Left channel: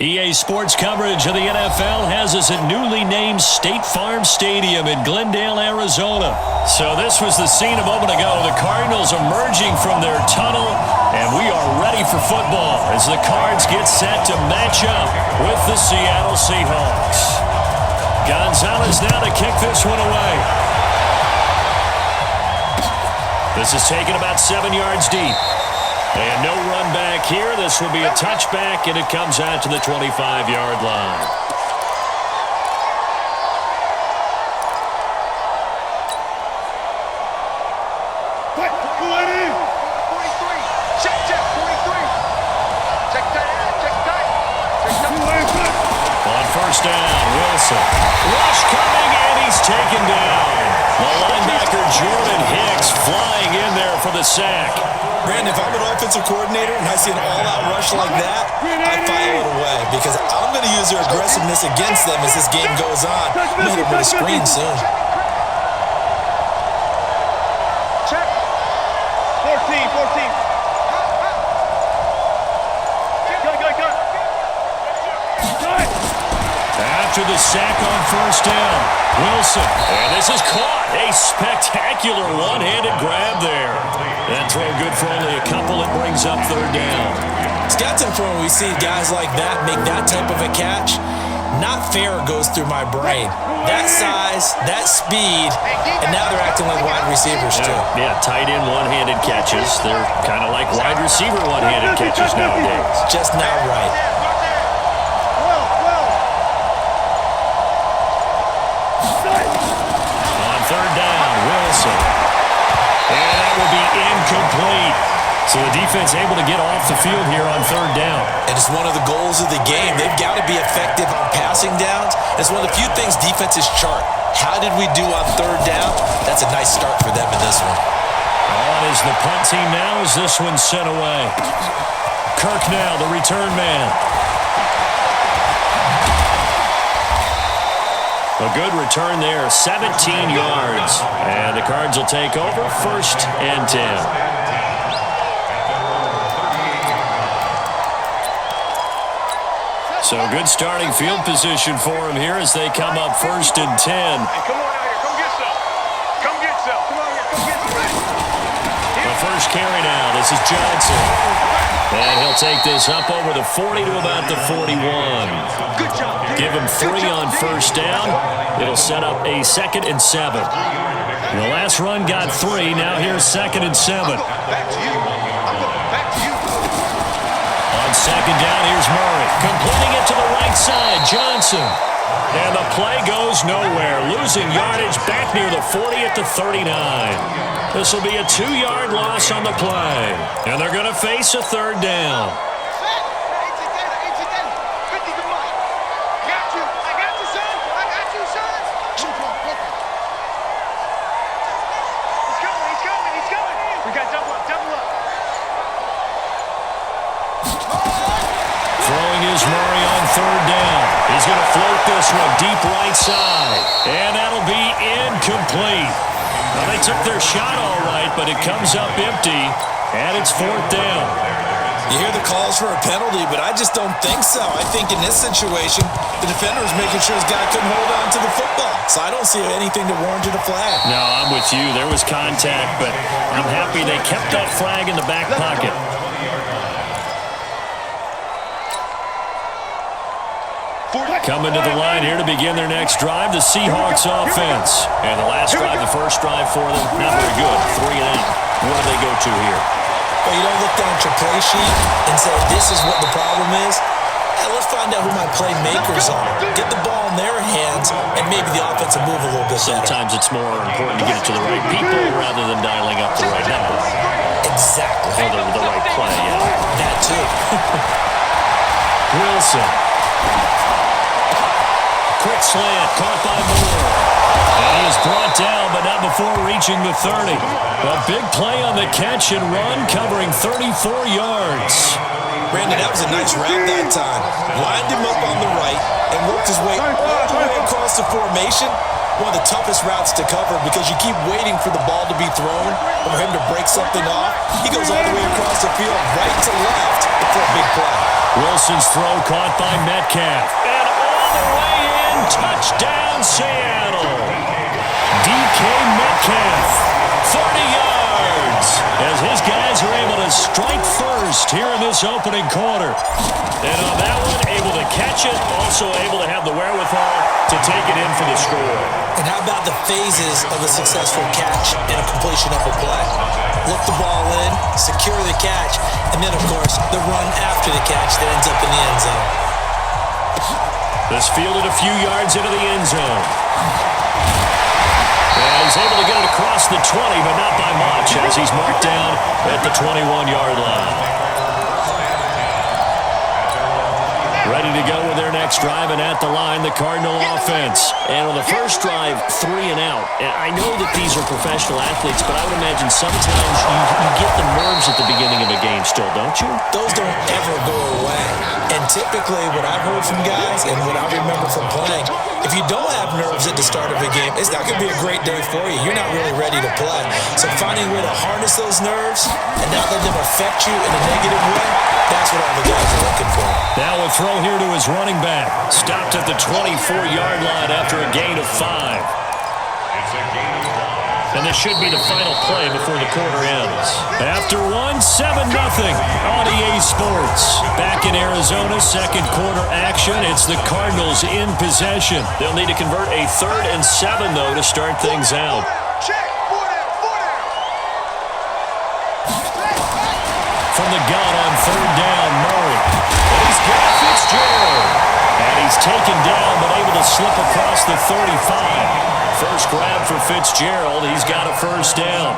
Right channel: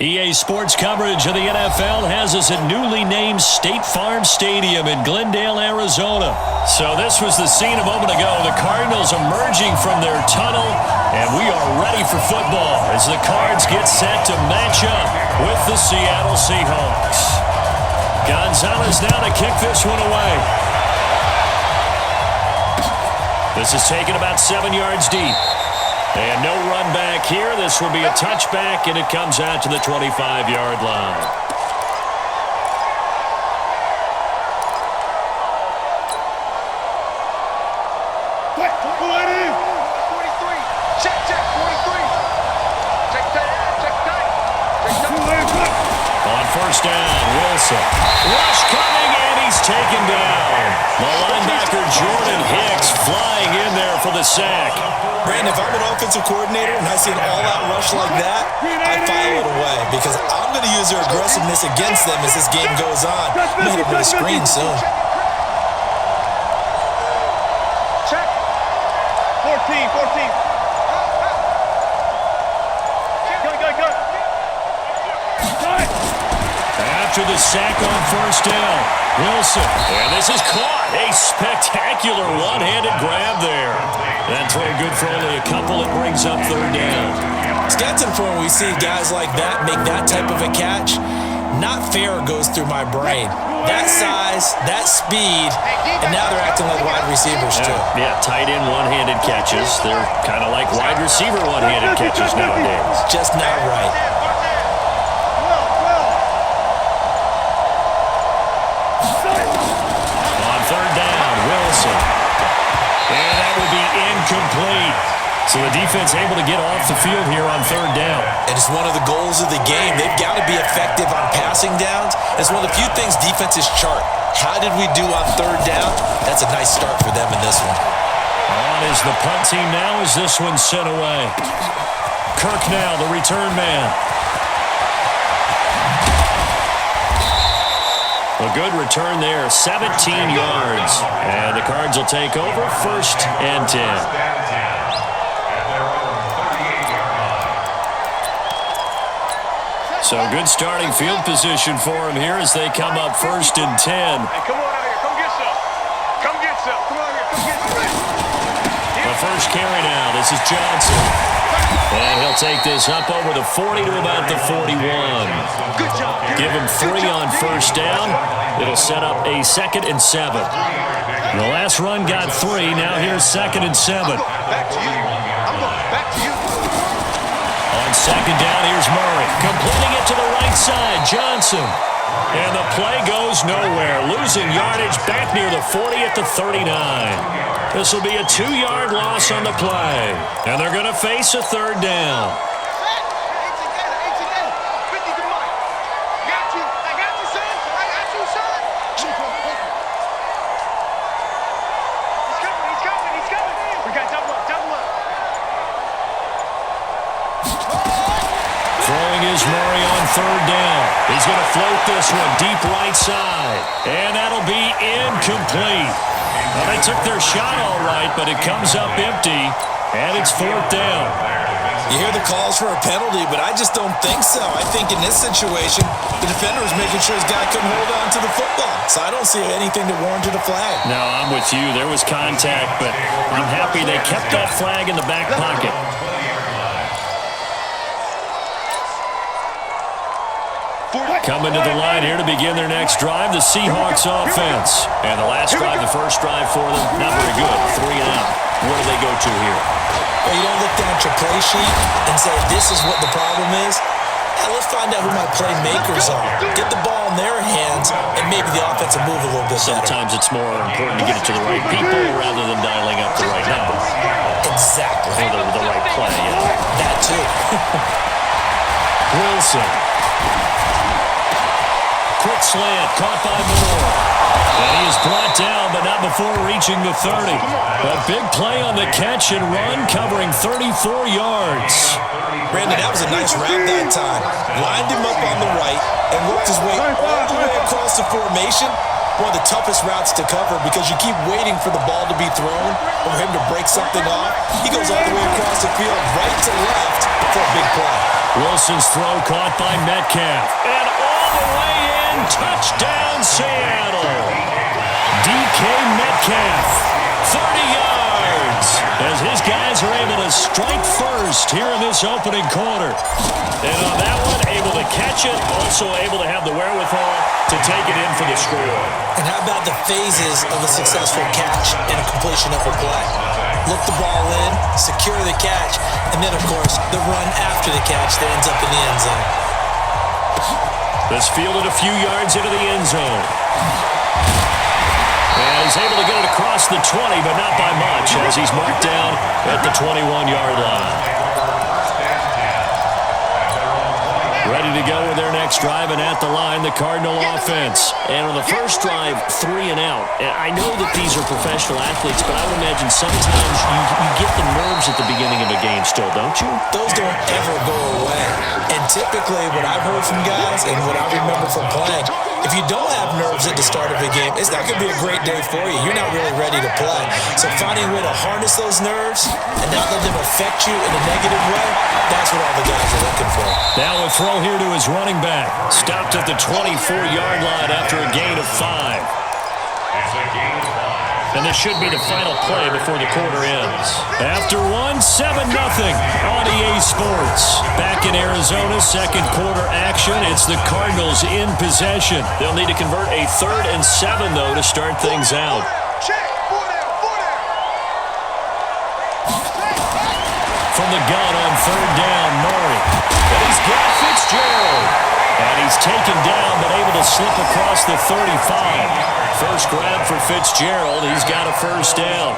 EA Sports coverage of the NFL has us at newly named State Farm Stadium in Glendale, Arizona. So this was the scene a moment ago. The Cardinals emerging from their tunnel, and we are ready for football as the Cards get set to match up with the Seattle Seahawks. Gonzalez now to kick this one away. This is taken about 7 yards deep. And no run back here. This will be a touchback, and it comes out to the 25-yard line. What? 43. Check, 43. Check tight. On first down, Wilson. Rush coming, and he's taken down. The linebacker, Jordan Hicks, flying in there for the sack. Brandon, if I'm an offensive coordinator and I see an all-out rush like that, I file it away because I'm going to use their aggressiveness against them as this game goes on. I'm going to hit them with a screen soon. Check. 14. Go. After the sack on first down, Wilson. And this is caught. A spectacular one-handed grab there. That throw good for only a couple. It brings up third down. Stats important when we see guys like that make that type of a catch. Not fair goes through my brain. That size, that speed, and now they're acting like wide receivers too. Yeah, tight end one-handed catches. They're kind of like wide receiver one-handed catches nowadays. Just not right. 12. On third down, Wilson. And that will be incomplete. So the defense able to get off the field here on third down. And it's one of the goals of the game. They've got to be effective on passing downs. It's one of the few things defenses chart. How did we do on third down? That's a nice start for them in this one. On is the punt team now as this one's sent away. Kirk now, the return man. A good return there, 17 yards. And the Cards will take over first and 10. So good starting field position for him here as they come up first and 10. Hey, come on out here. Come get some. Come on here. Come get some. The first carry now. This is Johnson. And he'll take this up over the 40 to about the 41. Good job. Give him 3 on first down. It'll set up a 2nd and 7. The last run got 3. Now here's 2nd and 7. Back to you. On second down, here's Murray. Completing it to the right side, Johnson. And the play goes nowhere. Losing yardage back near the 40 at the 39. This will be a 2-yard loss on the play. And they're going to face a third down. Set. Hey, 50 to Mike. I got you, son. He's coming. We got double up. Throwing is Murray on third down. He's going to float this one deep right side. And that'll be incomplete. Well, they took their shot all right, but it comes up empty, and it's 4th down. You hear the calls for a penalty, but I just don't think so. I think in this situation, the defender was making sure his guy couldn't hold on to the football. So I don't see anything that warranted a flag. No, I'm with you. There was contact, but I'm happy they kept that flag in the back pocket. Coming to the line here to begin their next drive, the Seahawks offense. And the last drive, the first drive for them, not very good. 3 and out. What do they go to here? Well, you don't look down at your play sheet and say, this is what the problem is. Yeah, let's find out who my playmakers are. Get the ball in their hands, and maybe the offense will move a little bit better. Sometimes it's more important to get it to the right people rather than dialing up the right number. Exactly. Or the right play, yeah. That too. Wilson. Quick slant, caught by Moore. And he is brought down, but not before reaching the 30. A big play on the catch and run, covering 34 yards. Brandon, that was a nice route that time. Lined him up on the right and worked his way all the way across the formation. one of the toughest routes to cover because you keep waiting for the ball to be thrown or for him to break something off. He goes all the way across the field, right to left for a big play. Wilson's throw caught by Metcalf. And all the way in, touchdown Seattle. DK Metcalf, 30 yards, as his guys are able to strike first here in this opening quarter. And on that one, able to catch it, also able to have the wherewithal to take it in for the score. And how about the phases of a successful catch and a completion of a play? Look the ball in, secure the catch, and then, of course, the run after the catch that ends up in the end zone. This fielded a few yards into the end zone. And he's able to get it across the 20, but not by much, as he's marked down at the 21-yard line. Ready to go with their next drive, and at the line, the Cardinal offense. And on the first drive, 3 and out. And I know that these are professional athletes, but I would imagine sometimes you get the nerves at the beginning of a game still, don't you? Those don't ever go away. And typically, what I've heard from guys and what I remember from playing, if you don't have nerves at the start of a game, it's not going to be a great day for you. You're not really ready to play. So finding a way to harness those nerves and not let them affect you in a negative way, that's what all the guys are looking for. Now a throw here to his running back. Stopped at the 24-yard line after a gain of 5. It's a gain of 5. And this should be the final play before the quarter ends. After one, 7-0 on EA Sports. Back in Arizona, second quarter action. It's the Cardinals in possession. They'll need to convert a 3rd and 7, though, to start things out. Check. 4 down. From the gun on 3rd down, Murray. And he's got Fitzgerald. And he's taken down, but able to slip across the 35. First grab for Fitzgerald. He's got a first down.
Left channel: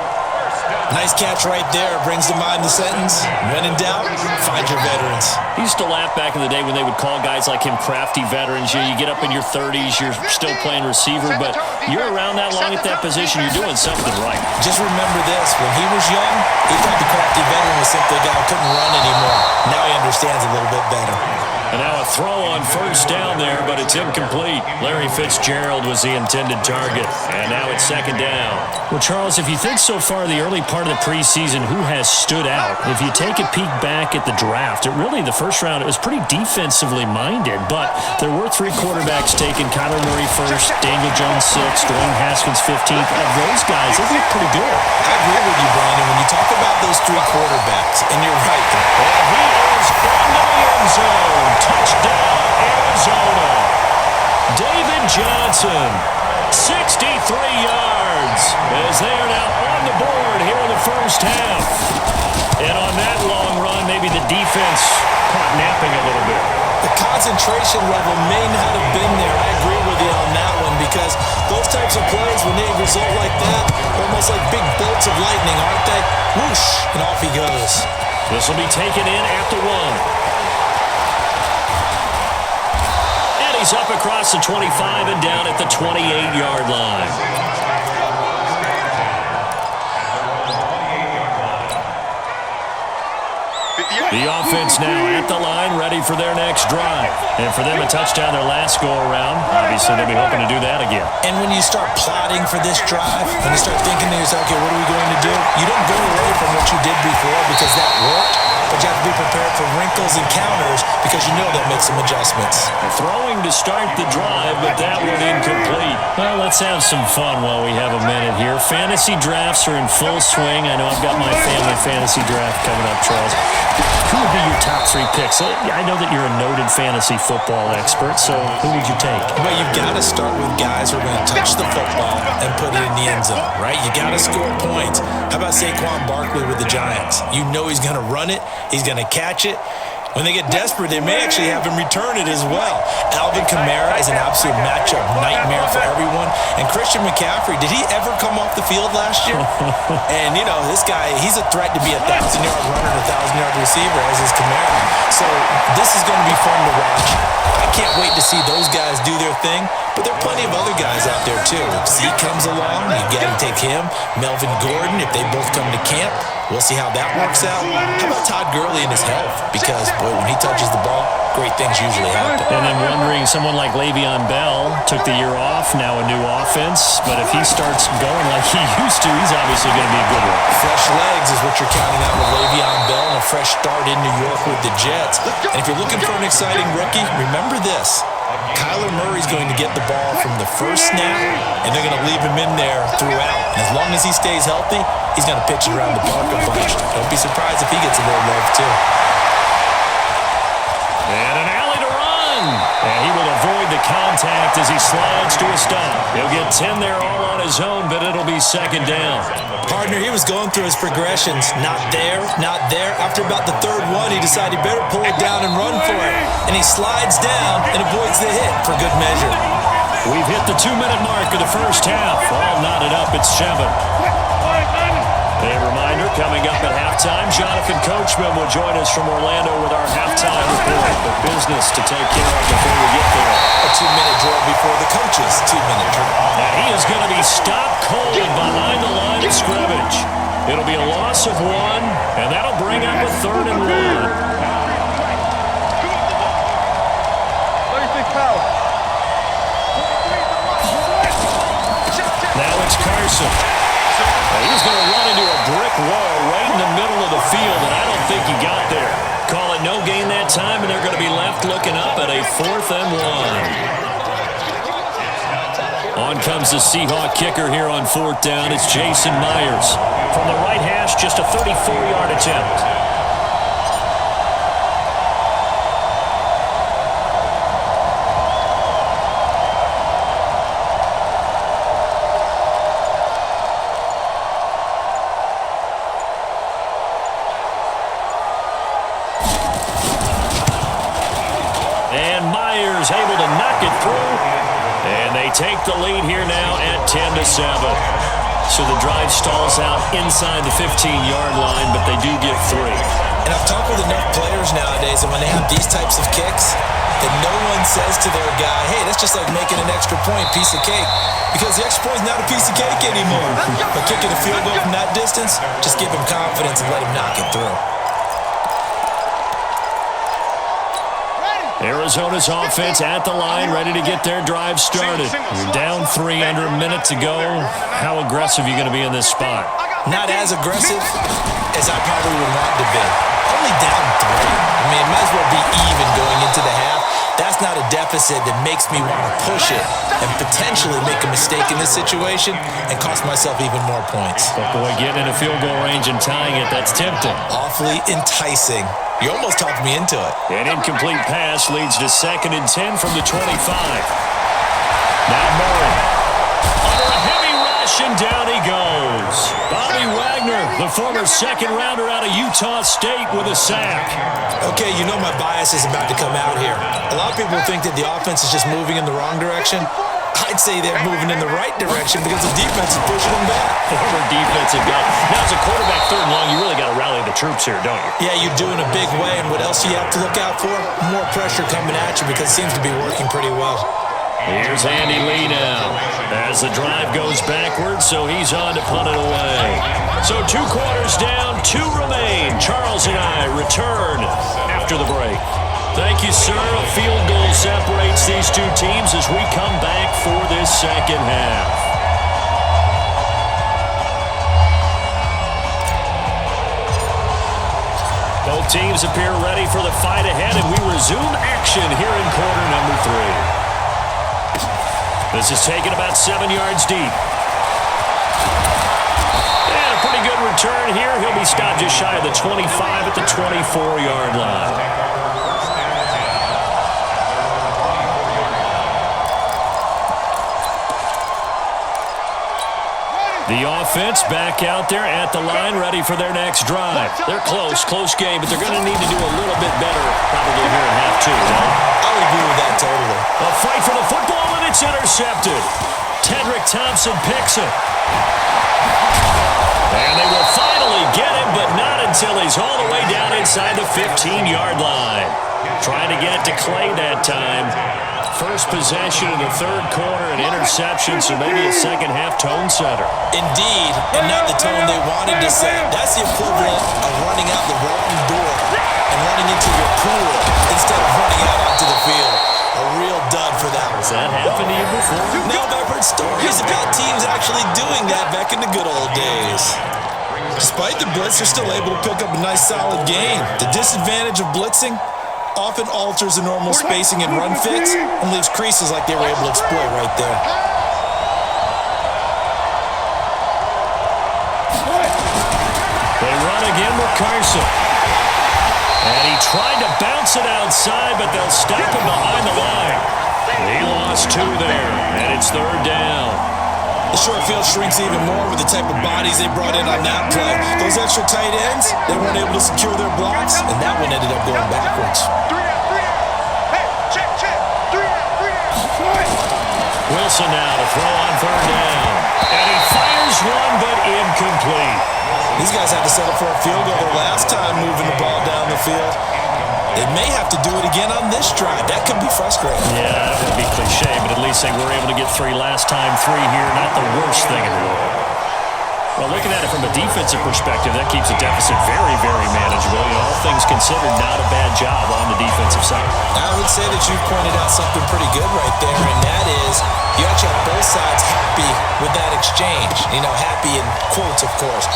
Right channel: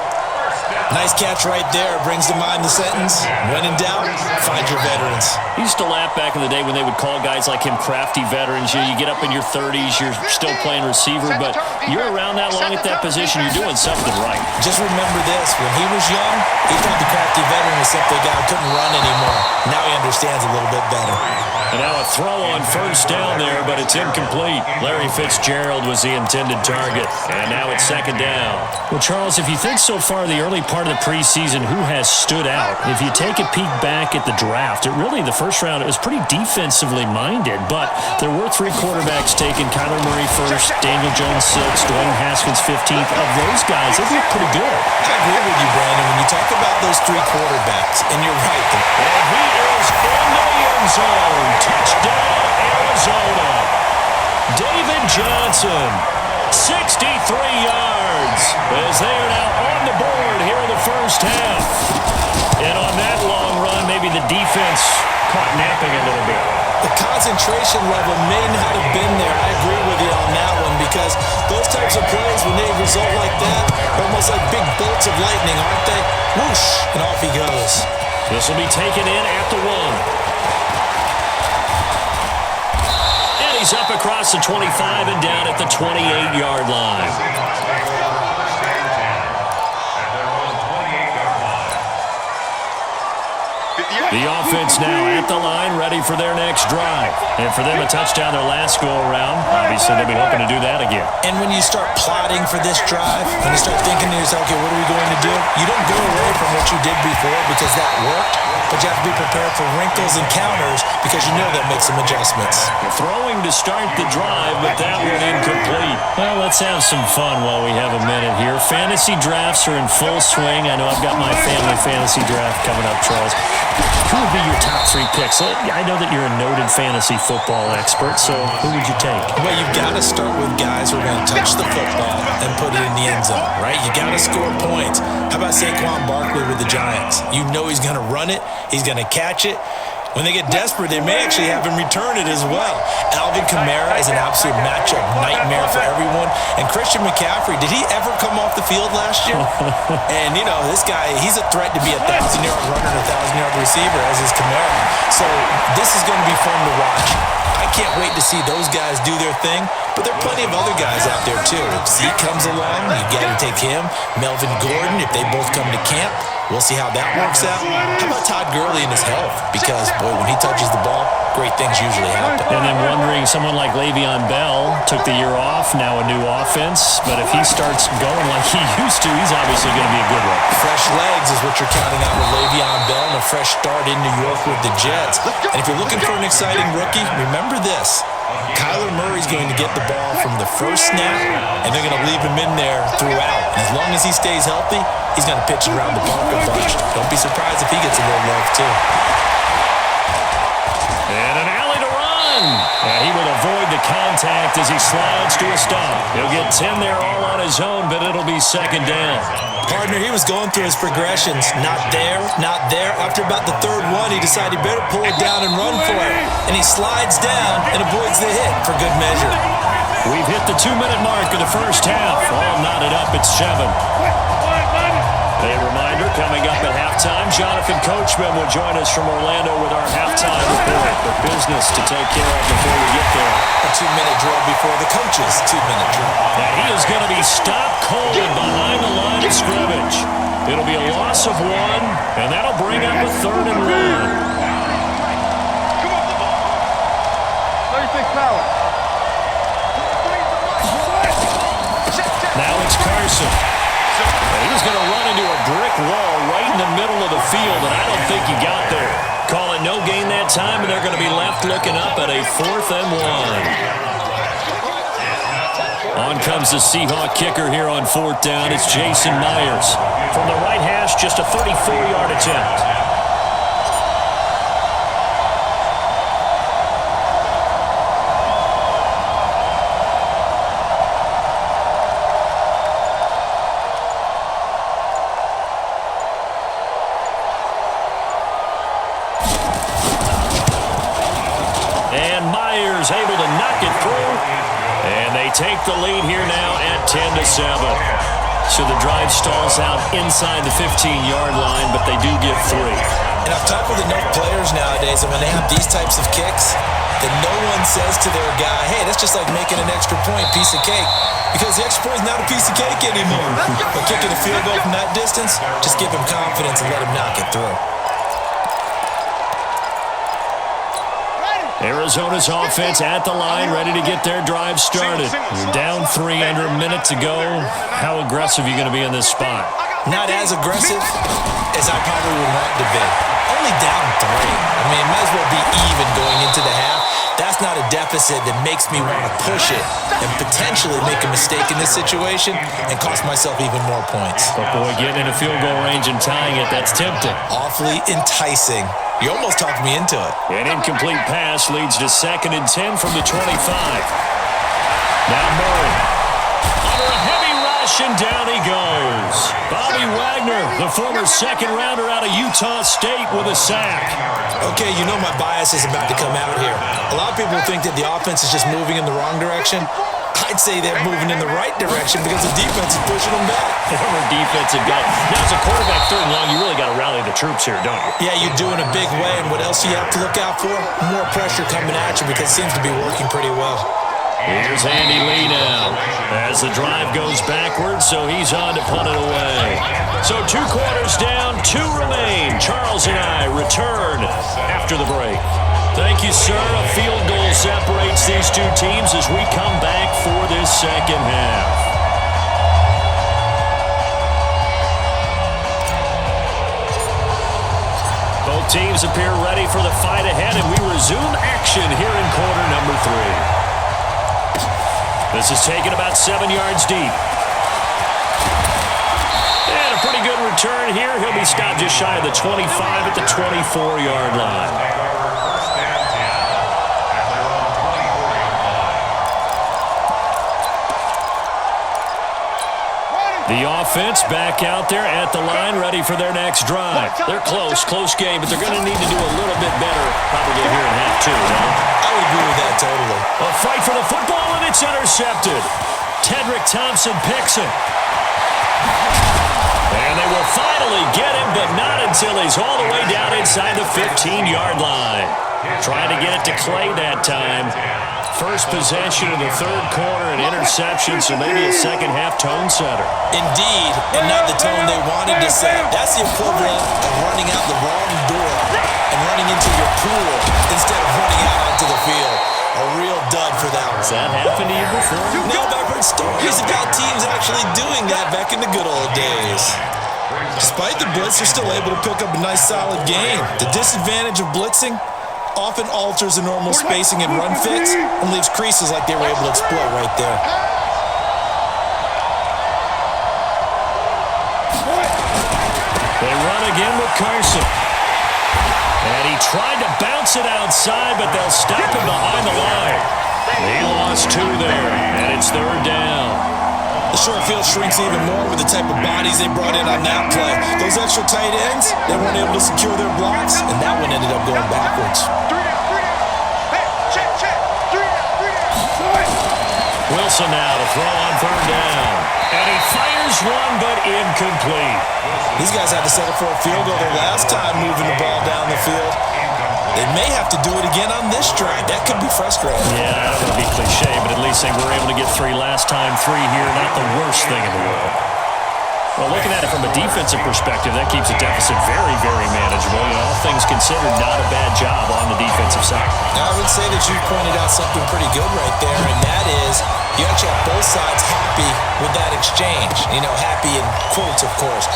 Nice catch right there. Brings to mind the sentence, when in doubt, find your veterans. He used to laugh back in the day when they would call guys like him crafty veterans. You get up in your 30s, you're still playing receiver, but you're around that long at that position, you're doing something right. Just remember this, when he was young, he thought the crafty veteran was simply a guy who couldn't run anymore. Now he understands a little bit better. And now a throw on first down there, but it's incomplete. Larry Fitzgerald was the intended target. And now it's 2nd down. Well, Charles, if you think so far the early part of the preseason, who has stood out? If you take a peek back at the draft, the first round, it was pretty defensively minded, but there were 3 quarterbacks taken. Kyler Murray first, Daniel Jones 6th, Dwayne Haskins 15th. Of those guys, they look pretty good. I agree with you, Brandon. When you talk about those 3 quarterbacks, and you're right. And he is into the end zone. Touchdown, Arizona. David Johnson, 63 yards, as they are now on the board here in the first half. And on that long run, maybe the defense caught napping a little bit. The concentration level may not have been there. I agree with you on that one, because those types of plays, when they result like that, they're almost like big bolts of lightning, aren't they? Whoosh, and off he goes. This will be taken in at the 1. And he's up across the 25 and down at the 28-yard line. At their own 28-yard line. The offense now at the line, ready for their next drive. And for them, a touchdown their last go-around. Obviously, they'll be hoping to do that again. And when you start plotting for this drive, when you start thinking to yourself, okay, what are we going to do? You don't go away from what you did before because that worked, but you have to be prepared for wrinkles and counters because you know they'll make some adjustments. They're throwing to start the drive, but that one incomplete. Well, let's have some fun while we have a minute here. Fantasy drafts are in full swing. I know I've got my family fantasy draft coming up, Charles. Who would be your top 3 picks? I know that you're a noted fantasy football expert, so who would you take? Well, you've got to start with guys who are going to touch the football and put it in the end zone, right? You got to score points. How about Saquon Barkley with the Giants? You know he's going to run it. He's going to catch it. When they get desperate, they may actually have him return it as well. Alvin Kamara is an absolute matchup nightmare for everyone. And Christian McCaffrey, did he ever come off the field last year? And, this guy, he's a threat to be a 1,000-yard runner and a 1,000-yard receiver, as is Kamara. So this is going to be fun to watch. I can't wait to see those guys do their thing. But there are plenty of other guys out there, too. If Zeke comes along, you got to take him. Melvin Gordon, if they both come to camp. We'll see how that works out. How about Todd Gurley and his health? Because, boy, when he touches the ball, great things usually happen. And then wondering, someone like Le'Veon Bell took the year off, now a new offense. But if he starts going like he used to, he's obviously going to be a good one. Fresh legs is what you're counting on with Le'Veon Bell and a fresh start in New York with the Jets. And if you're looking for an exciting rookie, remember this. Kyler Murray's going to get the ball from the first snap, and they're going to leave him in there throughout. And as long as he stays healthy, he's going to pitch it around the park a bunch. Don't be surprised if he gets a little love, too. And an alley to run. And he will avoid the contact as he slides to a stop. He'll get 10 there all on his own, but it'll be second down. Partner, he was going through his progressions. Not there, not there. After about the third one, he decided he better pull it down and run for it. And he slides down and avoids the hit for good measure. We've hit the 2-minute mark of the first half. All knotted up at 7. A reminder, coming up at halftime, Jonathan Coachman will join us from Orlando with our halftime report. But business to take care of before we get there. A 2-minute drill before the coach's 2-minute drill. And he is going to be stopped cold behind the line of scrimmage. It'll be a loss of 1, and that'll bring up a 3rd and 1. Come off the ball hard. 36 power. 43 to Mike. Check. Now it's Carson. And he's going to run into a brick wall right in the middle of the field, and I don't think he got there. Call it no gain that time, and they're going to be left looking up at a 4th and 1. On comes the Seahawk kicker here on 4th down. It's Jason Myers. From the right hash, just a 34-yard attempt. And Myers able to knock it through. And they take the lead here now at 10-7. So the drive stalls out inside the 15-yard line, but they do get 3. And I've talked with enough players nowadays that when they have these types of kicks, that no one says to their guy, hey, that's just like making an extra point, piece of cake. Because the extra point is not a piece of cake anymore. But kicking a field goal from that distance, just give him confidence and let him knock it through. Arizona's offense at the line, ready to get their drive started. You're down 3 under a minute to go. How aggressive are you going to be in this spot? Not as aggressive as I probably would want to be. Only down 3. I mean, it might as well be even going into the half. That's not a deficit that makes me want to push it and potentially make a mistake in this situation and cost myself even more points. But boy, getting in a field goal range and tying it, that's tempting. Awfully enticing. You almost talked me into it. An incomplete pass leads to 2nd and 10 from the 25. Now Murray. Under a heavy rush, and down he goes. Bobby Wagner, the former 2nd-rounder out of Utah State, with a sack. Okay, you know my bias is about to come out here. A lot of people think that the offense is just moving in the wrong direction. I'd say they're moving in the right direction because the defense is pushing them back. Former defensive guy. Now, as a quarterback 3rd and long, you really got to rally the troops here, don't you? Yeah, you do in a big way. And what else do you have to look out for? More pressure coming at you because it seems to be working pretty well. Here's Andy Lee now as the drive goes backwards, so he's on to punt it away. So 2 quarters down, 2 remain. Charles and I return after the break. Thank you, sir. A field goal separates these 2 teams as we come back for this second half. Both teams appear ready for the fight ahead, and we resume action here in quarter number 3. This is taken about 7 yards deep. And a pretty good return here. He'll be stopped just shy of the 25 at the 24-yard line. The offense back out there at the line, ready for their next drive. They're close game, but they're going to need to do a little bit better probably here in half 2, no? I would agree with that totally. A fight for the football, and it's intercepted. Tedrick Thompson picks it. And they will finally get him, but not until he's all the way down inside the 15-yard line. Trying to get it to Clay that time. First possession of the third quarter, an interception, so maybe a second-half tone setter. Indeed, and not the tone they wanted to set. That's the equivalent of running out the wrong door and running into your pool instead of running out onto the field. A real dud for that one. Has that happened to you before? No, but I've heard stories about teams actually doing that back in the good old days. Despite the blitz, they're still able to pick up a nice, solid gain. The disadvantage of blitzing often alters the normal spacing and run fits and leaves creases like they were able to exploit right there. They run again with Carson. And he tried to bounce it outside, but they'll stop him behind the line. He lost 2 there, and it's third down. The short field shrinks even more with the type of bodies they brought in on that play. Those extra tight ends, they weren't able to secure their blocks, and that one ended up going backwards. 3 down, 3 down. Hey, check. 3 down. Wilson now to throw on third down. And he fires one, but incomplete. These guys had to settle for a field goal their last time moving the ball down the field. They may have to do it again on this drive. That could be frustrating. Yeah, I don't want to be cliche, but at least they were able to get 3 last time, 3 here. Not the worst thing in the world. Well, looking at it from a defensive perspective, that keeps a deficit very, very manageable. You know, all things considered, not a bad job on the defensive side. I would say that you've pointed out something pretty good right there, and that is you actually have both sides happy with that exchange. You know, happy in quotes, of course.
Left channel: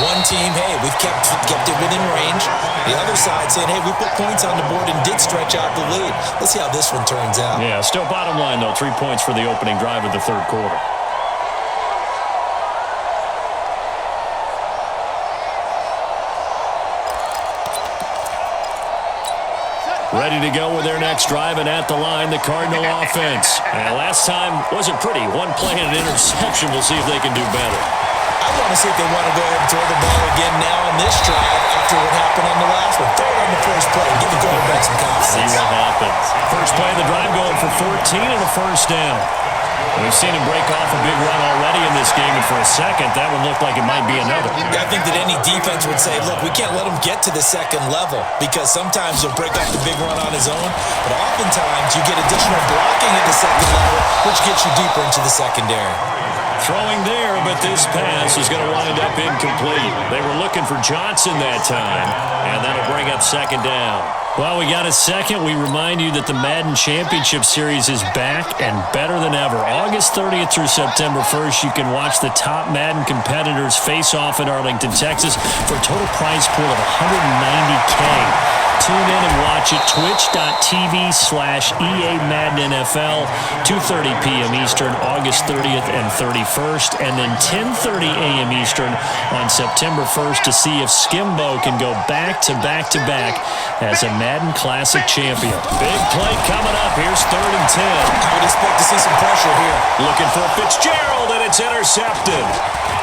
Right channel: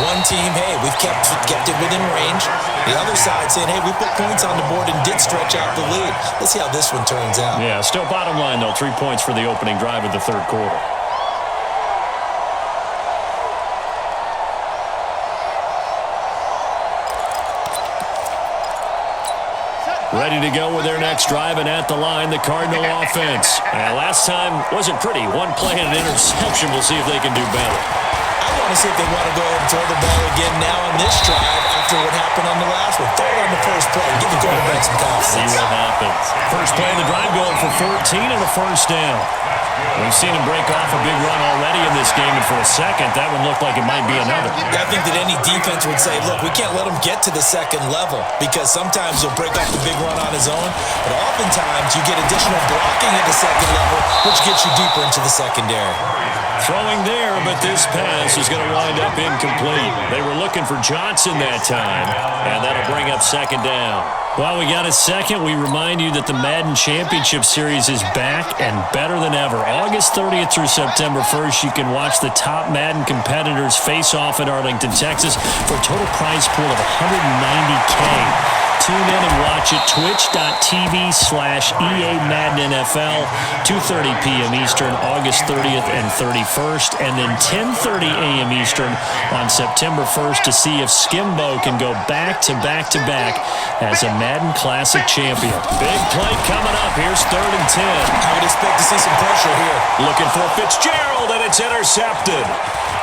One team, hey, we've kept it within range. The other side saying, hey, we put points on the board and did stretch out the lead. Let's see how this one turns out. Yeah, still bottom line, though, 3 points for the opening drive of the third quarter. Ready to go with their next drive, and at the line, the Cardinal offense. Last time wasn't pretty. One play and an interception. We'll see if they can do better. I want to see if they want to go ahead and throw the ball again now on this drive after what happened on the last one. Throw it on the first play. Give the quarterback some confidence. See what happens. First play of the drive going for 14 and a first down. We've seen him break off a big run already in this game, and for a second, that one looked like it might be another. I think that any defense would say, look, we can't let him get to the second level because sometimes he'll break off the big run on his own, but oftentimes you get additional blocking at the second level, which gets you deeper into the secondary. Throwing there, but this pass is going to wind up incomplete. They were looking for Johnson that time, and that'll bring up second down. Well, we got a second. We remind you that the Madden Championship Series is back and better than ever. August 30th through September 1st, you can watch the top Madden competitors face off in Arlington, Texas for a total prize pool of $190K. Tune in and watch it, twitch.tv/EA Madden NFL, 2:30 p.m. Eastern, August 30th and 31st, and then 10:30 a.m. Eastern on September 1st to see if Skimbo can go back-to-back-to-back as a Madden Classic champion. Big play coming up. Here's 3rd and 10. I would expect to see some pressure here. Looking for Fitzgerald, and it's intercepted.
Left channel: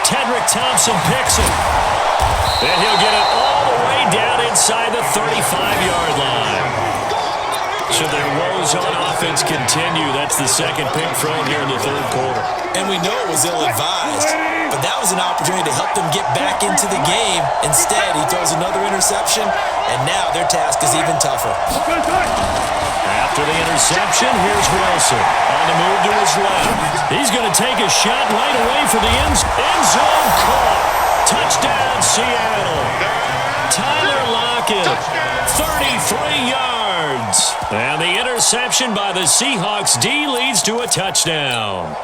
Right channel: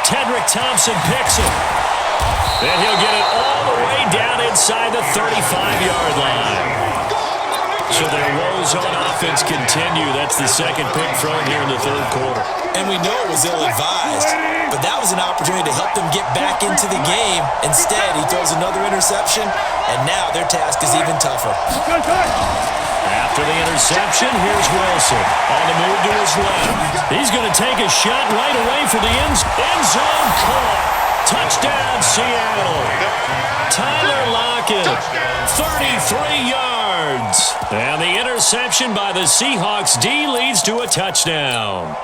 Tedrick Thompson picks it. And he'll get it all the way down inside the 35-yard line. So their woes on offense continue. That's the second pick thrown here in the third quarter. And we know it was ill-advised, but that was an opportunity to help them get back into the game. Instead, he throws another interception, and now their task is even tougher. After the interception, here's Wilson on the move to his left. He's going to take a shot right away for the end zone caught. Touchdown, Seattle. Tyler Lockett, 33 yards. And the interception by the Seahawks D leads to a touchdown.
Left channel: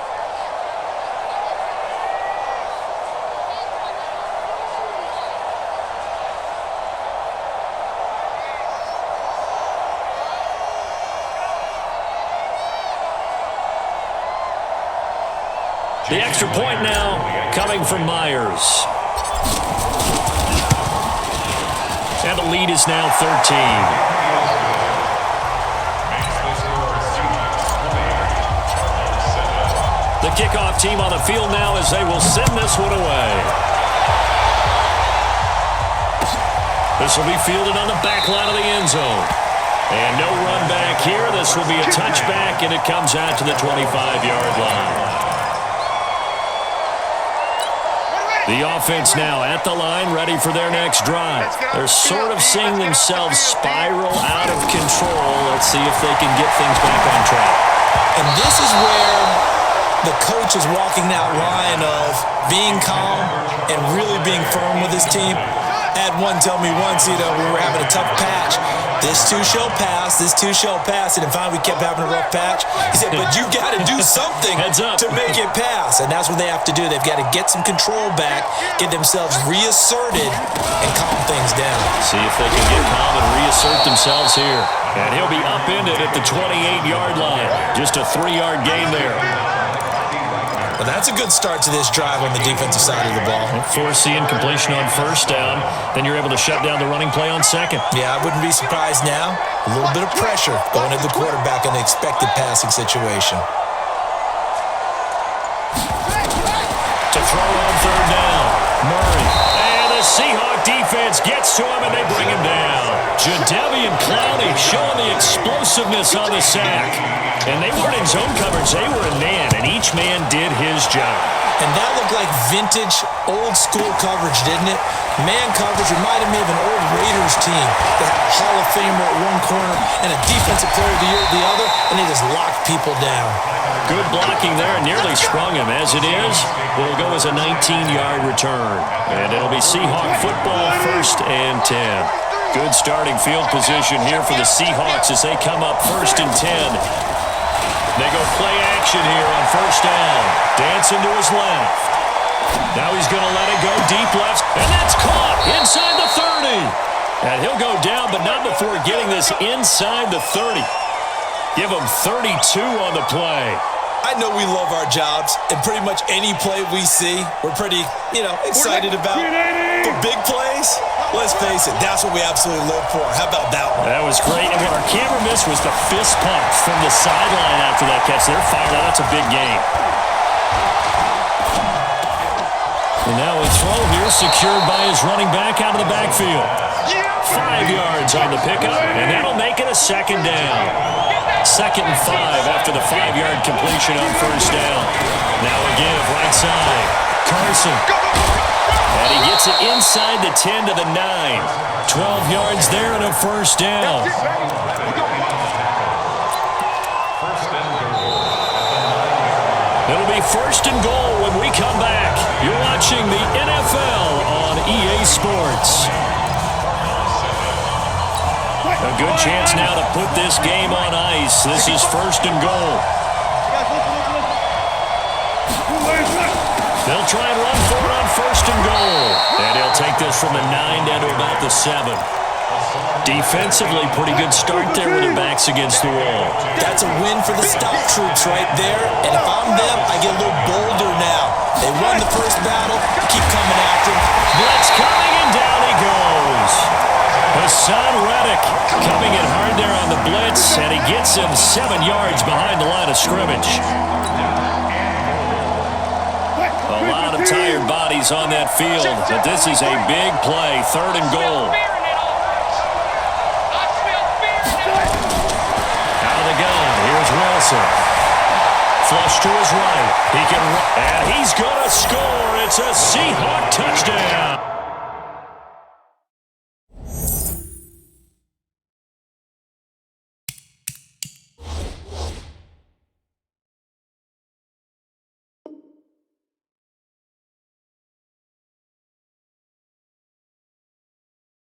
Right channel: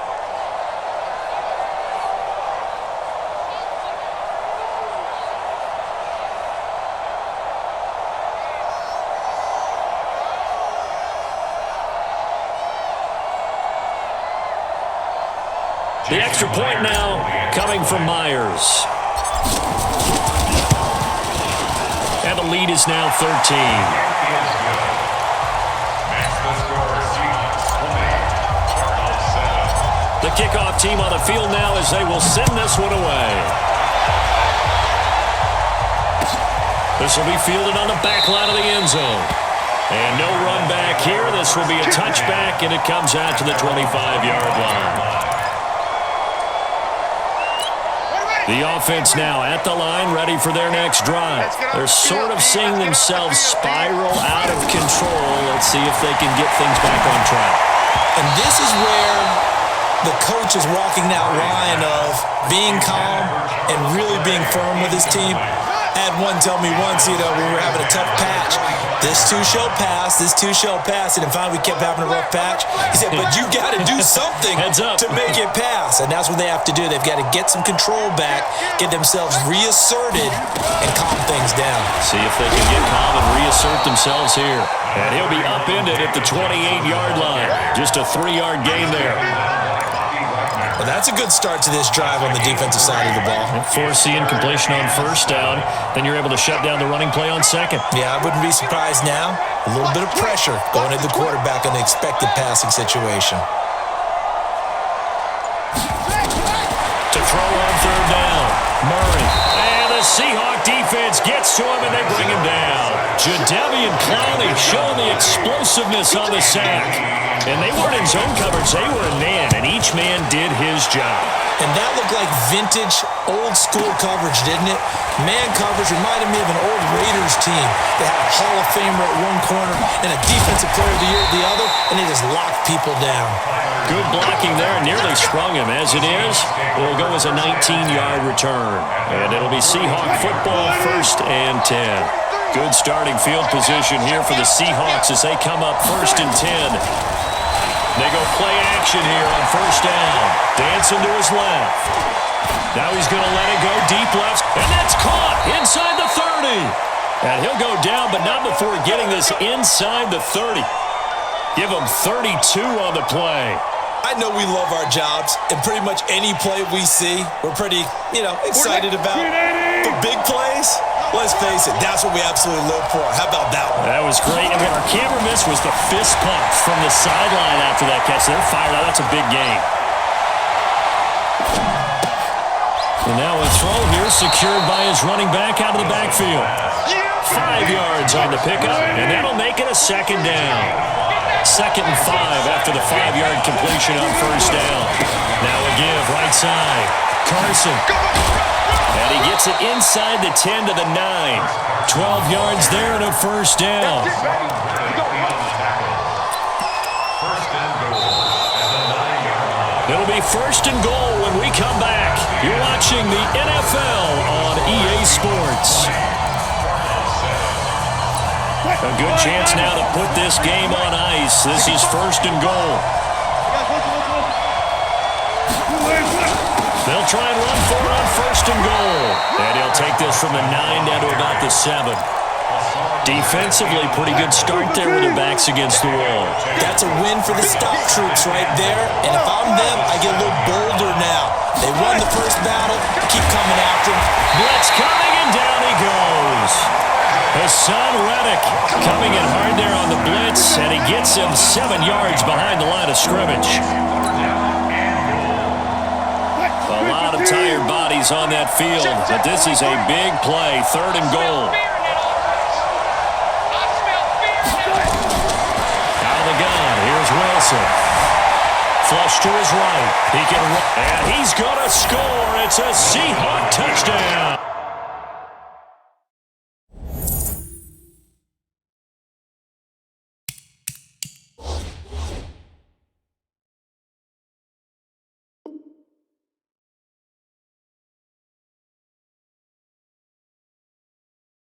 The extra point now coming from Myers. And the lead is now 13. Makes the score Seahawks 20, Cardinals 7. The kickoff team on the field now as they will send this one away. This will be fielded on the back line of the end zone. And no run back here. This will be a touchback, and it comes out to the 25-yard line. The offense now at the line, ready for their next drive. They're sort of seeing themselves spiral out of control. Let's see if they can get things back on track. And this is where the coach is walking that line of being calm and really being firm with his team. I had one tell me once, when we were having a tough patch, this too shall pass, this too shall pass. And finally we kept having a rough patch. He said, but you got to do something to make it pass. And that's what they have to do. They've got to get some control back, get themselves reasserted, and calm things down. See if they can get calm and reassert themselves here. And he'll be upended at the 28-yard line. Just a 3-yard gain there. Well, that's a good start to this drive on the defensive side of the ball. Force the incompletion on first down. Then you're able to shut down the running play on second. Yeah, I wouldn't be surprised now. A little bit of pressure going at the quarterback in the expected passing situation. To throw on third down, Murray. And the Seahawk defense gets to him, and they bring him down. Jadeveon Clowney showing the explosiveness on the sack. And they weren't in zone coverage. They were in man, and each man did his job. And that looked like vintage, old-school coverage, didn't it? Man coverage reminded me of an old Raiders team. They had a Hall of Famer at one corner and a Defensive Player of the Year at the other, and they just locked people down. Good blocking there, nearly sprung him. As it is, it'll go as a 19-yard return. And it'll be Seahawk football, 1st and 10. Good starting field position here for the Seahawks as they come up 1st and 10. They go play action here on first down. Dancing to his left. Now he's going to let it go deep left. And that's caught inside the 30. And he'll go down, but not before getting this inside the 30. Give him 32 on the play. I know we love our jobs, and pretty much any play we see, we're pretty, excited about. But big plays, let's face it, that's what we absolutely live for. How about that one? That was great, and what our camera missed was the fist pump from the sideline after that catch. They're fired out. That's a big game. And now a throw here secured by his running back out of the backfield. 5 yards on the pickup, and that'll make it a 2nd down. 2nd and 5 after the 5-yard completion on first down. Now a give right side. Carson. And he gets it inside the 10 to the 9. 12 yards there and a 1st down. 1st and goal at the 9-yard line. It'll be 1st and goal when we come back. You're watching the NFL on EA Sports. A good chance now to put this game on ice. This is 1st and goal. They'll try and run for it on 1st and goal. And he'll take this from the 9 down to about the 7. Defensively, pretty good start there with their backs against the wall. That's a win for the stop troops right there. And if I'm them, I get a little bolder now. They won the first battle. Keep coming after him. Blitz coming, and down he goes. Hassan Reddick coming in hard there on the blitz, and he gets him 7 yards behind the line of scrimmage. A lot of tired bodies on that field, but this is a big play, 3rd and goal. Out of the gun, here's Wilson. Flush to his right. He can run, and he's going to score. It's a Seahawk touchdown.